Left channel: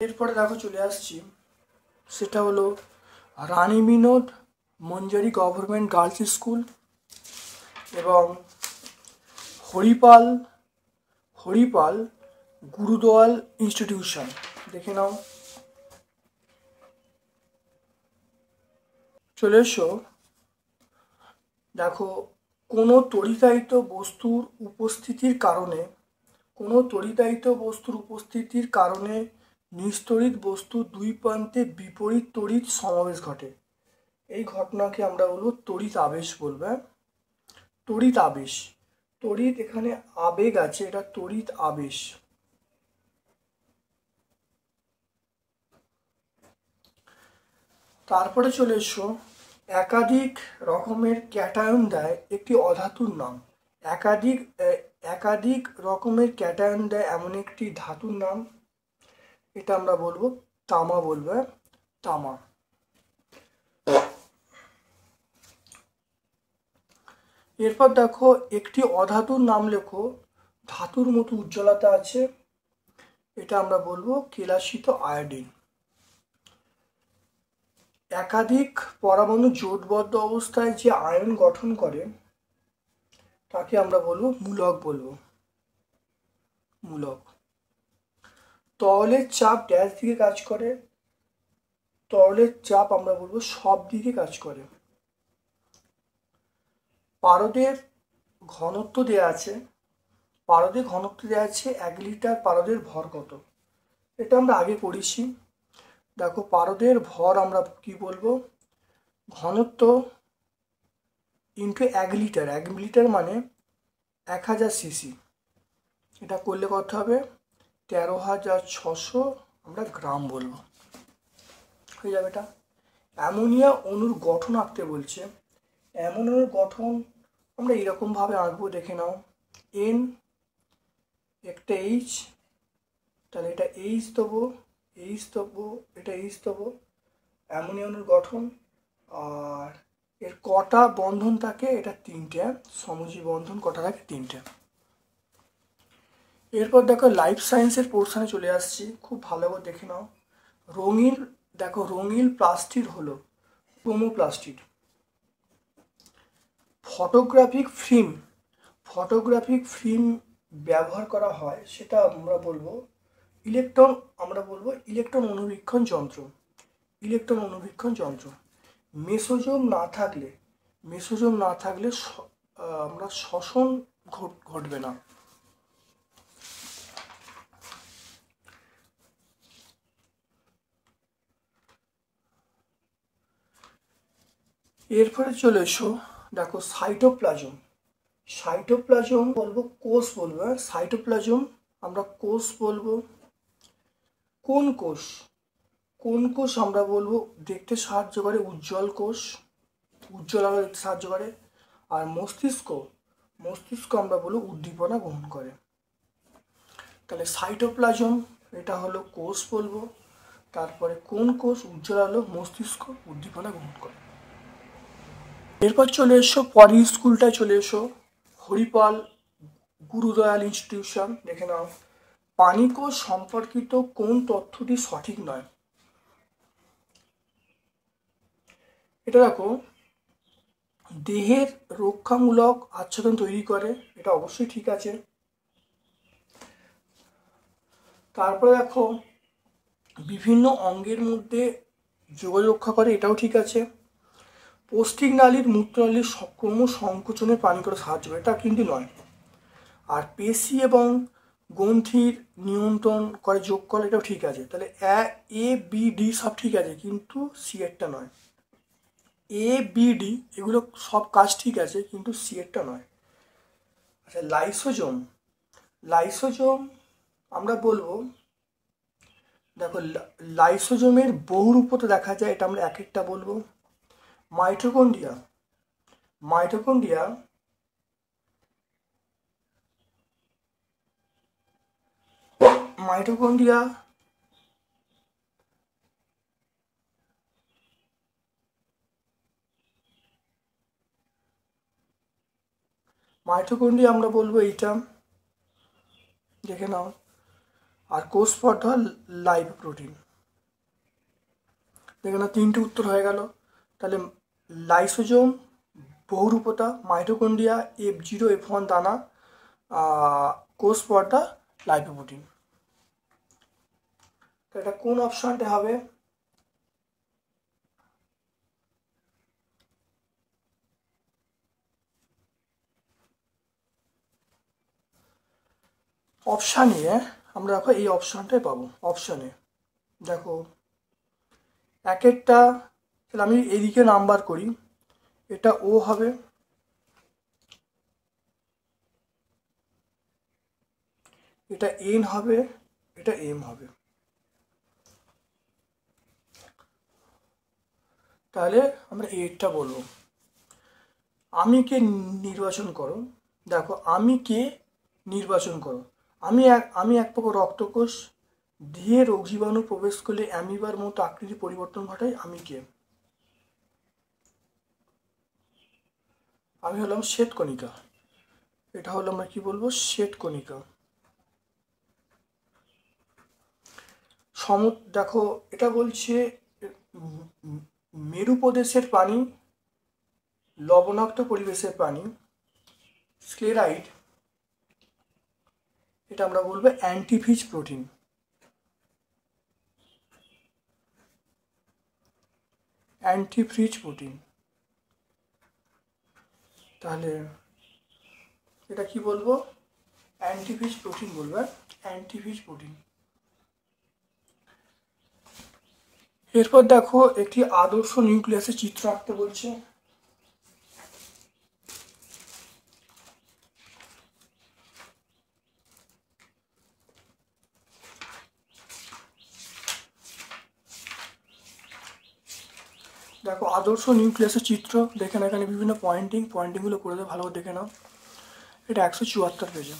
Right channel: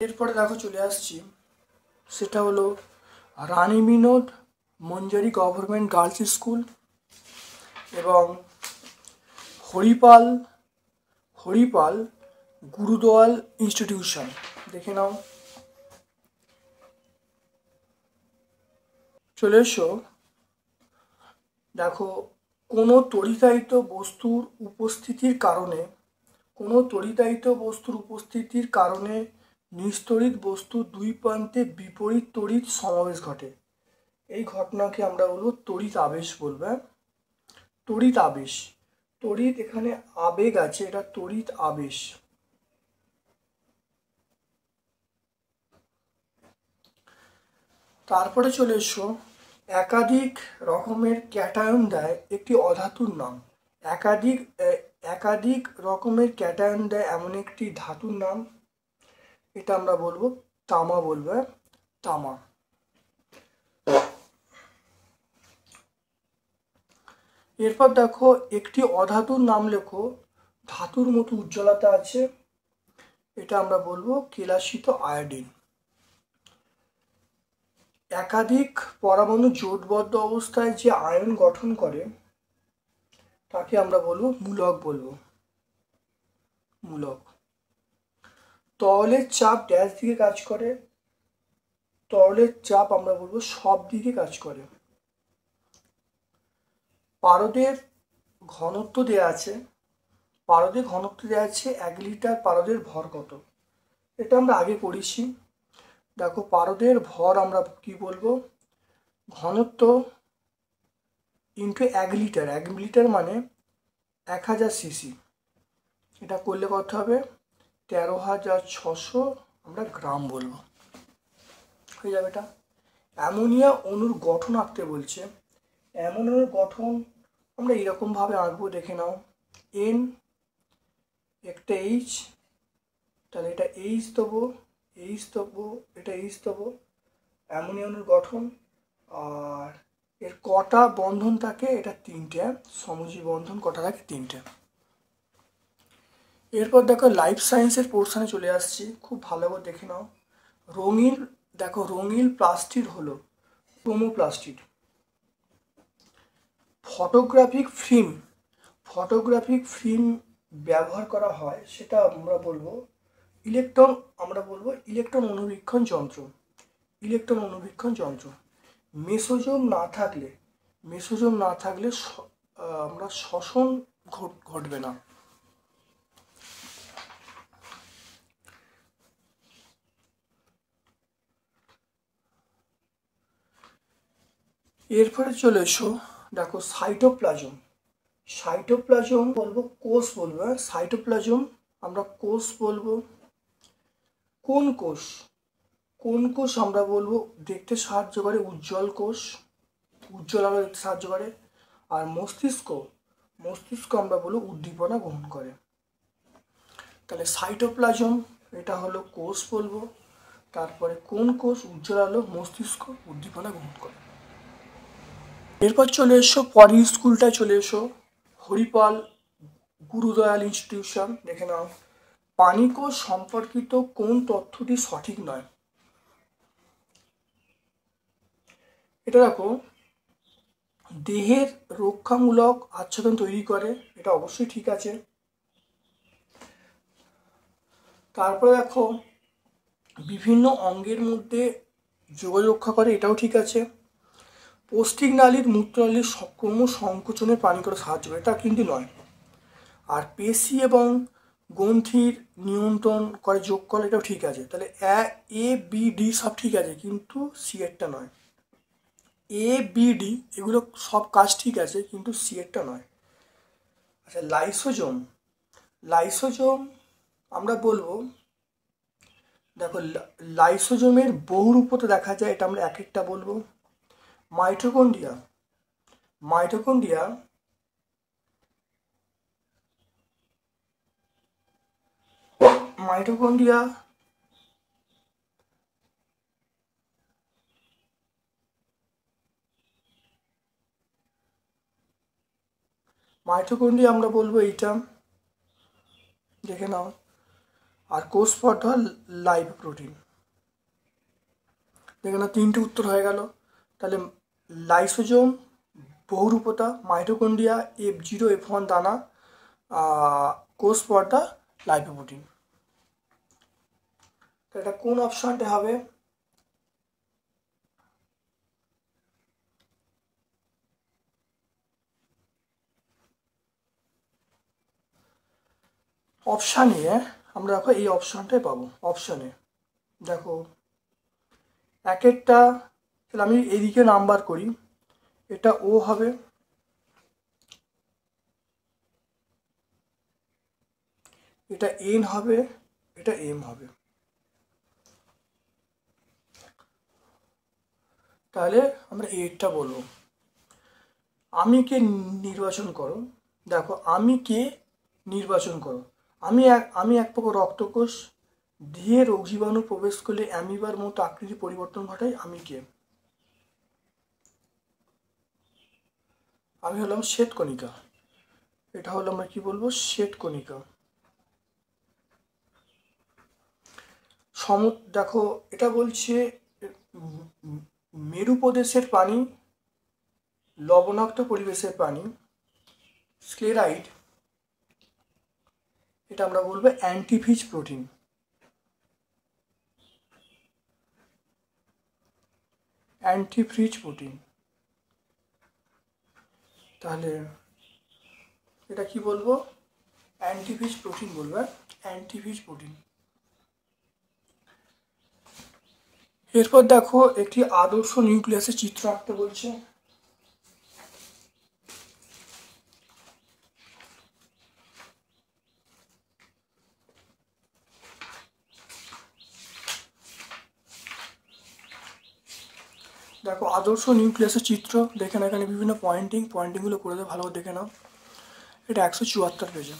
এরপরে দেখো চলে আসছি, সেটা হলো রানী Binod Manjari government girls school এবং হরিপাল হরিপাল গুরুদয়াল ইনস্টিটিউশন। দেখে নাও। চলে এসো, দেখো কোনো তড়িতায়িত বস্তুর উপস্থিতির কারণে নিস্তড়িত বস্তুর দুই প্রান্তে বিপরীত তড়িৎ সমাবেশ ঘটে। এই ঘটনাকে আমরা বলবো তড়িৎ আবেশ বলবো। তড়িৎ আবেশ, তড়িৎ এখানে আবেগ আছে, এটা তড়িৎ আবেশ। তারপরে চলে এসো, একাধিক রকমের ক্যাটায়ন দেয় একটি অধাতুর নাম। একাধিক রকমের ক্যাটায়ন দেয় এমন একটি ধাতুর নাম, এটা আমরা বলবো তামা বলবো, তামা। এরপর দেখো একটি অধাতুর নাম লেখো, ধাতুর মতো উজ্জ্বলতা আছে, এটা আমরা বলবো কেলাসিত আয়োডিন। একাধিক পরমাণু জোটবদ্ধ অবস্থায় যে আয়ন গঠন করে তাকে আমরা বলবো মূলক বলবো, মূলক। তরলের চাপ ড্যাশ দিকে কাজ করে, তরলের চাপ আমরা বলবো সব দিকে কাজ করে। পারদের ঘনত্ব দেওয়া আছে, 1 লিটার পারদের ভর কত, এটা আমরা আগে পড়েছি। দেখো পারদের ভর আমরা কি বলবো, ঘনত্ব ইন্টু 1 লিটার, 1 লিটার মানে 1000 সিসি, এটা করলে কত হবে 13,600 আমরা গ্রাম বলবো, হয়ে যাবে এটা। অ্যামোনিয়া অণুর গঠন আঁকতে বলছে, অ্যামোনিয়ার গঠন আমরা এরকম ভাবে আঁকবো, দেখে নাও। এন একটা এইচ, তাহলে এটা এইচ দেবো, এটা এইচ দেবো, অ্যামোনিয়া অণুর গঠন। আর এর কটা বন্ধন থাকে, এটা 3টে, সমযোজী বন্ধন কটা থাকে 3টে। এরপর দেখো লাইফ সায়েন্সের পোর্শনে চলে আসছি, খুব ভালো করে দেখে নাও। রঙিন প্লাস্টিড হলো ক্রোমোপ্লাস্টিড। ফটোগ্রাফিক ফিল্ম ব্যবহার করা হয়, সেটা আমরা বলবো ইলেকট্রন অনুবীক্ষণ যন্ত্র। মেসোজোম না থাকলে আমরা শ্বসন ঘটবে না। এরপরে চলে এসো, দেখো সাইটোপ্লাজম বলবো কোষ বলবো, সাইটোপ্লাজম আমরা কোষ বলবো। কোন কোষ আমরা বলবো দেখতে সাহায্য করে উজ্জ্বল আলো দেখতে সাহায্য করে। আর মস্তিষ্ক আমরা বলবো উদ্দীপনা গ্রহণ করে। তাহলে সাইটোপ্লাজম এটা হলো কোষ বলবো, তারপরে কোন কোষ উজ্জ্বল আলো, মস্তিষ্ক উদ্দীপনা গ্রহণ করে। এরপর চলে এসো, পরের স্কুলটায় চলে এসো, হরিপাল গুরুদয়াল ইনস্টিটিউশন। দেখে নাও, পানিকোষ সম্পর্কিত কোন তথ্যটি সঠিক নয়, এটা দেখো দেহের রক্ষামূলক আচ্ছাদন তৈরি করে, এটা অবশ্যই ঠিক আছে। তারপরে দেখো বিভিন্ন অঙ্গের মধ্যে যোগাযোগ রক্ষা করে, এটাও ঠিক আছে। পৌষ্টিক নালীর মূত্রনালীর ক্রম সংকোচনে পানি করে সাহায্য করে, এটা কিন্তু নয়। আর পেশি এবং গ্রন্থির নিয়ন্ত্রণ করে যোগ করে, এটাও ঠিক আছে। তাহলে এ বি ডি সব ঠিক আছে, কিন্তু সি এরটা নয়। এ বি ডি এগুলো সব কাজ ঠিক আছে, কিন্তু সি এরটা নয়। আচ্ছা, লাইসোজোম আমরা বলবো, দেখো লাইসোজোমের বহুরূপতে দেখা যায়, এটা আমরা এক একটা বলবো। মাইটোকন্ড্রিয়া মাইটোকন্ড্রিয়া আমরা বলবো এইটা, দেখে নাও। আর কোষ পটল লাইপোপ্রোটিন, দেখে নাও তিনটে উত্তর হয়ে গেল। তাহলে লাইসোজোম বহুরূপতা, মাইটোকন্ড্রিয়া, F0 F1 দানা, কোষ পটা লাইপোপ্রোটিন। এটা কোন অপশনটা হবে? অপশান এ আমরা দেখো এই অপশনটাই পাবো। অপশানে দেখো এক একটা, তাহলে আমি এইদিকে নাম্বার করি, এটা ও হবে, এটা এন হবে, এটা এম হবে। তাহলে আমরা এইটা বলবো। আমি কে নির্বাচন করো, দেখো আমি কে নির্বাচন করো। আমি এক প্রকার রক্তকোষ, দেহে রোগ জীবাণু প্রবেশ করলে অ্যামিবার মতো আকৃতি পরিবর্তন ঘটায়। আমি কে? আমি হলাম শ্বেতকণিকা। এটা হলো আমরা কি বলবো? শ্বেতকণিকা। দেখো এটা বলছে মেরু প্রদেশের প্রাণী, লবণাক্ত পরিবেশের প্রাণী, স্ক্লেরাইড, এটা আমরা বলবো অ্যান্টিফিজ প্রোটিন। Antifreeze protein. তাহলে এটা কি বলবো? অ্যান্টিফিজ প্রোটিন বলবো, অ্যান্টিফিজ প্রোটিন। এরপর দেখো একটি আদর্শ নিউক্লিয়াসের চিত্র আঁকতে বলছে। দেখো আদর্শ নিউক্লিয়াসের চিত্র, দেখে না এখানে বিভিন্ন পয়েন্টিংগুলো করে দেয়, ভালো করে দেখে নাও। এটা 174 পেজে,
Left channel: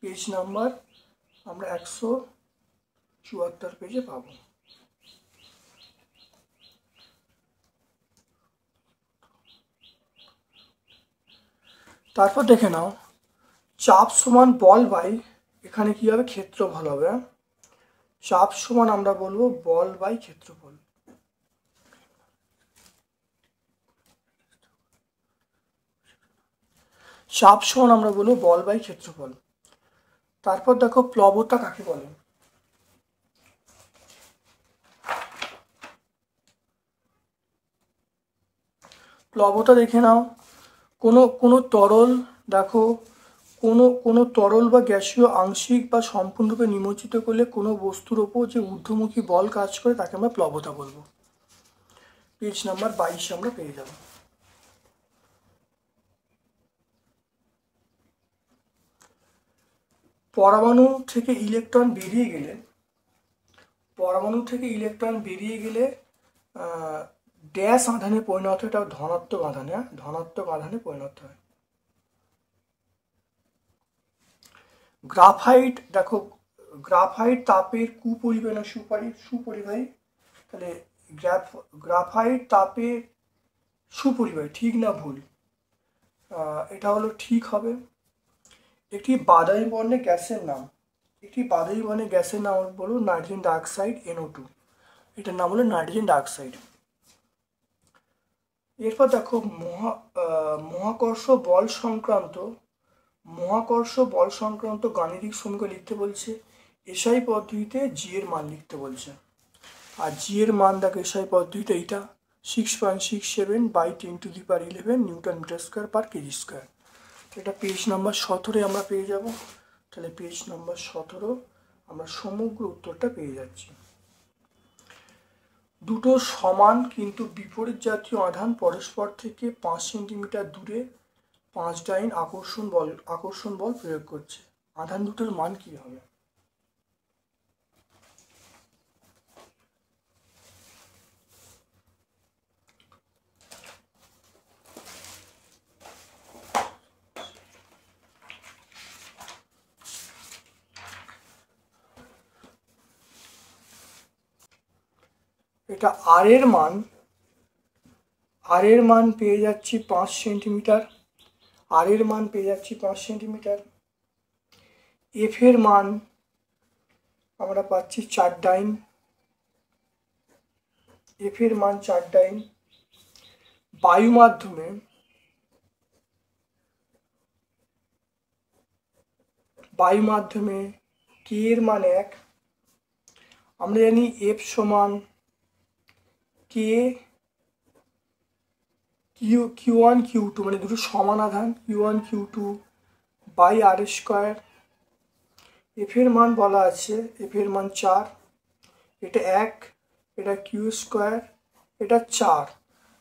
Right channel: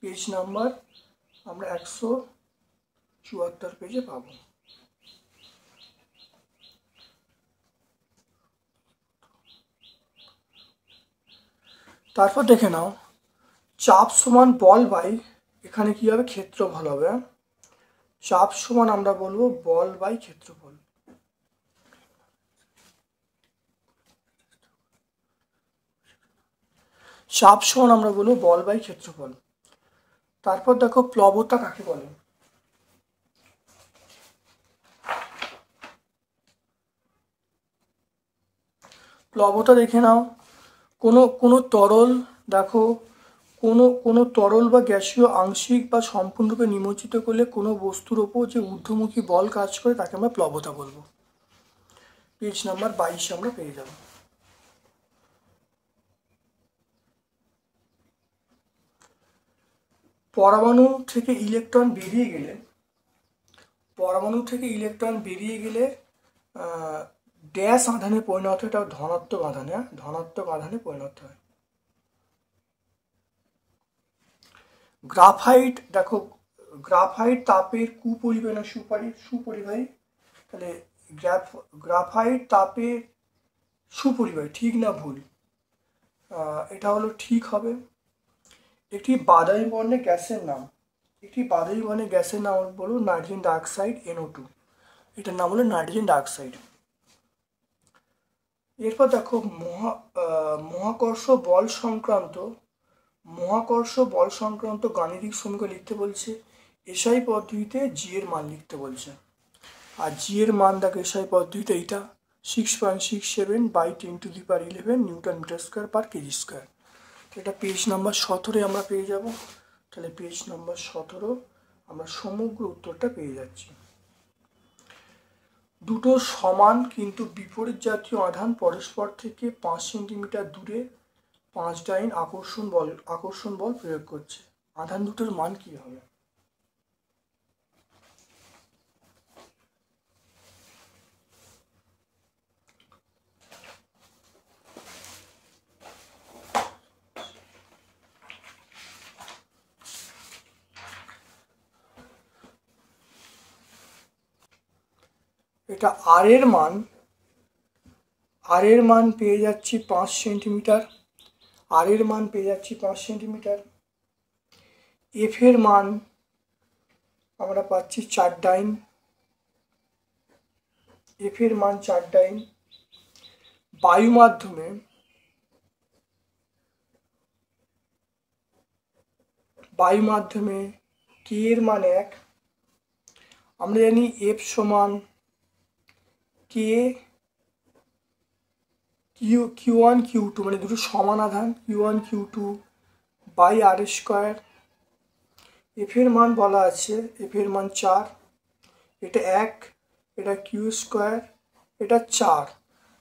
পেজ নাম্বার আমরা 174 পেজে পাবো। তারপর দেখে নাও চাপ সমান বল বাই, এখানে কি হবে? ক্ষেত্রফল হবে। চাপ সমান আমরা বলবো বল বাই ক্ষেত্রফল। চাপ সমান আমরা বলবো বল বাই ক্ষেত্রফল। তারপর দেখো প্লবতা কাকে বলে? প্লবতা দেখে নাও, কোনো তরল, দেখো কোনো তরল বা গ্যাসীয় আংশিক বা সম্পূর্ণরূপে নিমজ্জিত করলে কোনো বস্তুর ওপর যে ঊর্ধ্বমুখী বল কাজ করে তাকে আমরা প্লবতা বলবো। পেজ নাম্বার 22 আমরা পেয়ে যাব। পরমাণু থেকে ইলেকট্রন বেরিয়ে গেলে, ড্যাশ আধানে পরিণত হয়, এটা ধনাত্মক আধানে পরিণত হয়। গ্রাফাইট, দেখো গ্রাফাইট তাপের কুপরিবাহী না সুপরিবাহী? তাহলে গ্রাফাইট তাপের সুপরিবাহী, ঠিক না ভুল? এটা হলো ঠিক হবে। একটি বাদামি বর্ণের গ্যাসের নাম, বলো নাইট্রোজেন ডাইঅক্সাইড, NO2। এটার নাম হলো নাইট্রোজেন ডাইঅক্সাইড। এরপর দেখো মহাকর্ষ বল সংক্রান্ত গাণিতিক সমীকরণ লিখতে বলছে। এসআই পদ্ধতিতে জি এর মান লিখতে বলছে। আর জি এর মান দেখো এসআই পদ্ধতিতে এইটা 6.67 by 10⁻11 newton metre square per KG square. এটা পেজ নাম্বার 17 আমরা পেয়ে যাব। তাহলে পেজ নাম্বার 17 আমরা সমগ্র উত্তরটা পেয়ে যাচ্ছি। দুটো সমান কিন্তু বিপরীত জাতীয় আধান পরস্পর থেকে 5 সেন্টিমিটার দূরে 5 ডাইন আকর্ষণ বল প্রয়োগ করছে। আধান দুটোর মান কি হবে? এটা আর এর মান পেয়ে যাচ্ছি 5 সেন্টিমিটার, আর এর মান পেয়ে যাচ্ছি 5 সেন্টিমিটার। এফ এর মান আমরা পাচ্ছি 4 ডাইন, এফ এর মান 4 ডাইন। বায়ু মাধ্যমে কে এর মান 1। আমরা জানি এফ সমান কে Q1 Q2 মানে দুটো সমান আধান Q1 Q2 by R square. F এর মান বলা আছে, এফ এর মান 4, এটা 1, এটা কিউ স্কোয়ার, এটা 4।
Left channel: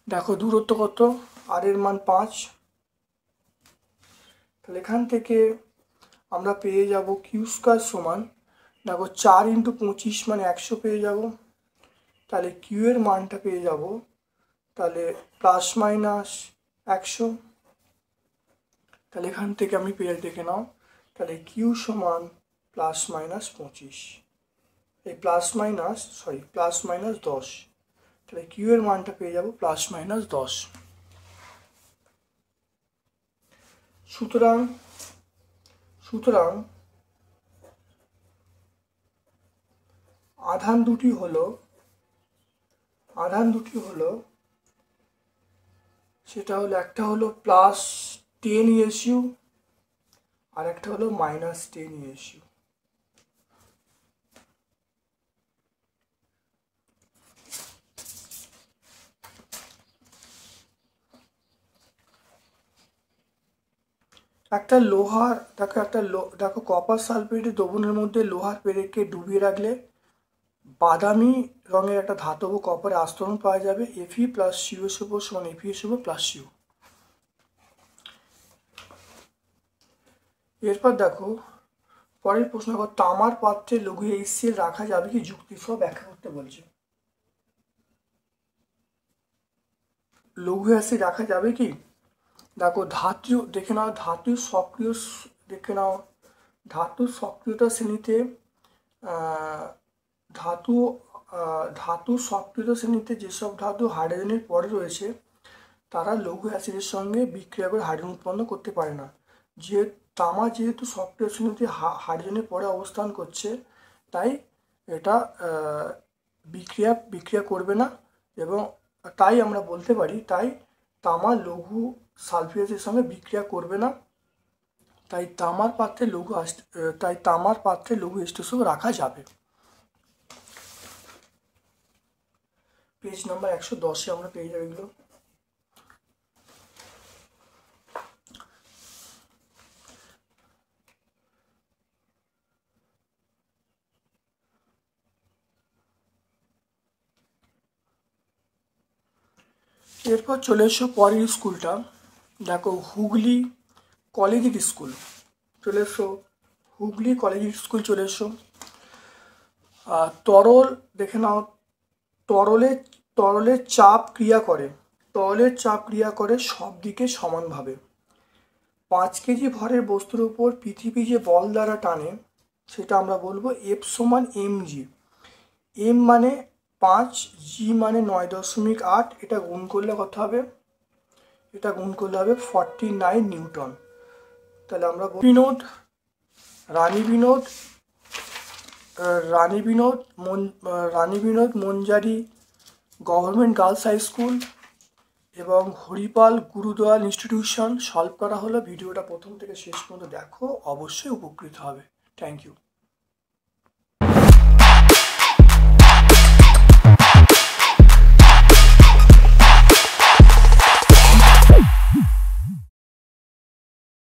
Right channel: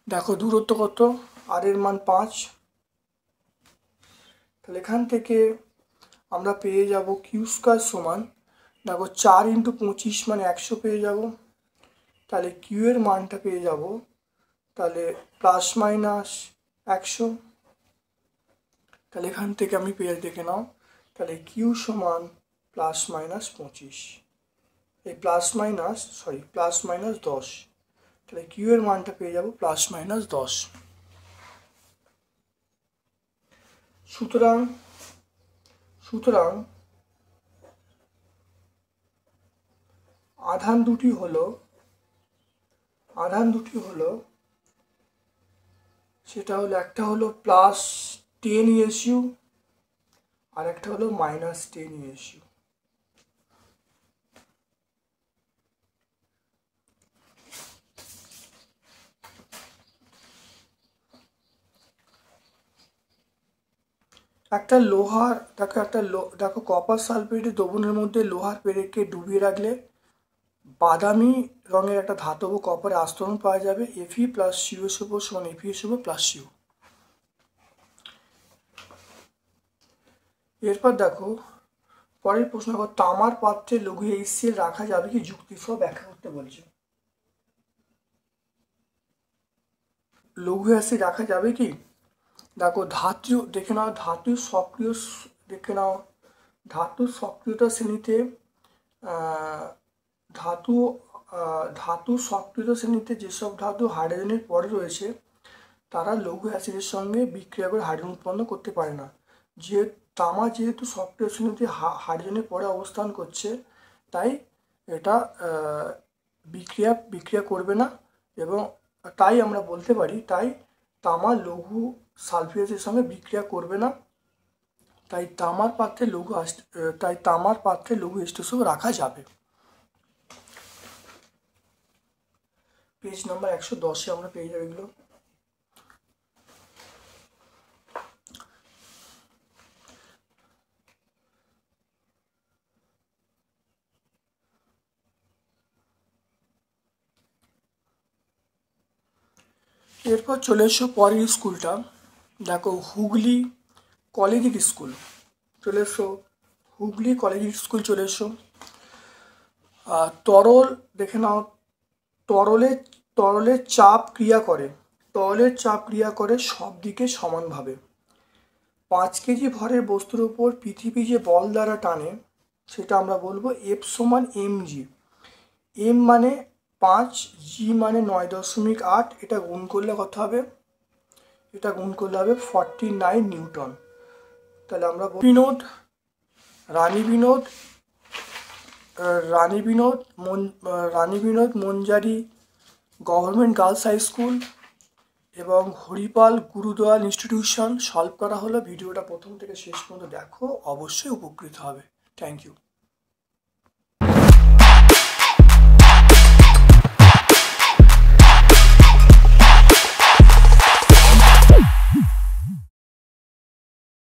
দেখো দূরত্ব কত, আর এর মান 5। তাহলে এখান থেকে আমরা পেয়ে যাব কিউ স্কোয়ার সমান, দেখো 4 × 25 মানে 100 পেয়ে যাব। তাহলে কিউ এর মানটা পেয়ে যাব তাহলে প্লাস মাইনাস 100। তাহলে এখান থেকে আমি পেয়ে দেখে নাও, তাহলে কিউ সমান প্লাস মাইনাস 25, এই প্লাস মাইনাস 10। তাহলে কিউ এর মানটা পেয়ে যাব প্লাস মাইনাস 10। সুতরাং আধান দুটি হলো সেটা হলো, একটা হলো প্লাস 10 ESU আর একটা হলো মাইনাস 10 ESU। একটা লোহার দেখো কপার সালফেটের দ্রবণের মধ্যে লোহার পেরেককে ডুবিয়ে রাখলে বাদামি রঙের একটা ধাতব কপারের আস্তরণ পাওয়া যাবে। Fe + CuSO4 = FeSO4 + Cu। এরপর দেখো পরের প্রশ্ন, তামার পাত্রে লঘু HCl রাখা যাবে কি, যুক্তিসহ ব্যাখ্যা করতে বলছে। লঘু অ্যাসিড রাখা যাবে কি, দেখো ধাতু দেখে নাও, ধাতুর সক্রিয়তা শ্রেণীতে যেসব ধাতু হাইড্রোজেনের পরে রয়েছে তারা লঘু অ্যাসিডের সঙ্গে বিক্রিয়া করে হাইড্রোজেন উৎপন্ন করতে পারে না। তামা যেহেতু সক্রিয় শ্রেণীতে হাইড্রোজেনের পরে অবস্থান করছে, তাই এটা বিক্রিয়া করবে না, এবং তাই আমরা বলতে পারি তাই তামা লঘু সালফিউরিকের সঙ্গে বিক্রিয়া করবে না, তাই তামার পাত্রে লঘু H2SO রাখা যাবে। পেজ নাম্বার 110-এ আমরা পেয়ে যাবো এগুলো। এরপর চলে এসো পরের স্কুলটা, দেখো হুগলি কলেজিয়েট স্কুল চলে এসো। তরল দেখে নাও, তরলের চাপ ক্রিয়া করে সব দিকে সমানভাবে। 5 কেজি ভরের বস্তুর উপর পৃথিবী যে বল দ্বারা টানে সেটা আমরা বলবো F সমান mg। m মানে 5, g মানে 9.8, এটা গুণ করলে কত হবে, 49 নিউটন। তাহলে আমরা Rani Binod Manjari government girls high school এবং হরিপাল গুরুদয়াল ইনস্টিটিউশন সলভ করা হলো। ভিডিওটা প্রথম থেকে শেষ পর্যন্ত দেখো, অবশ্যই উপকৃত হবে। Thank you.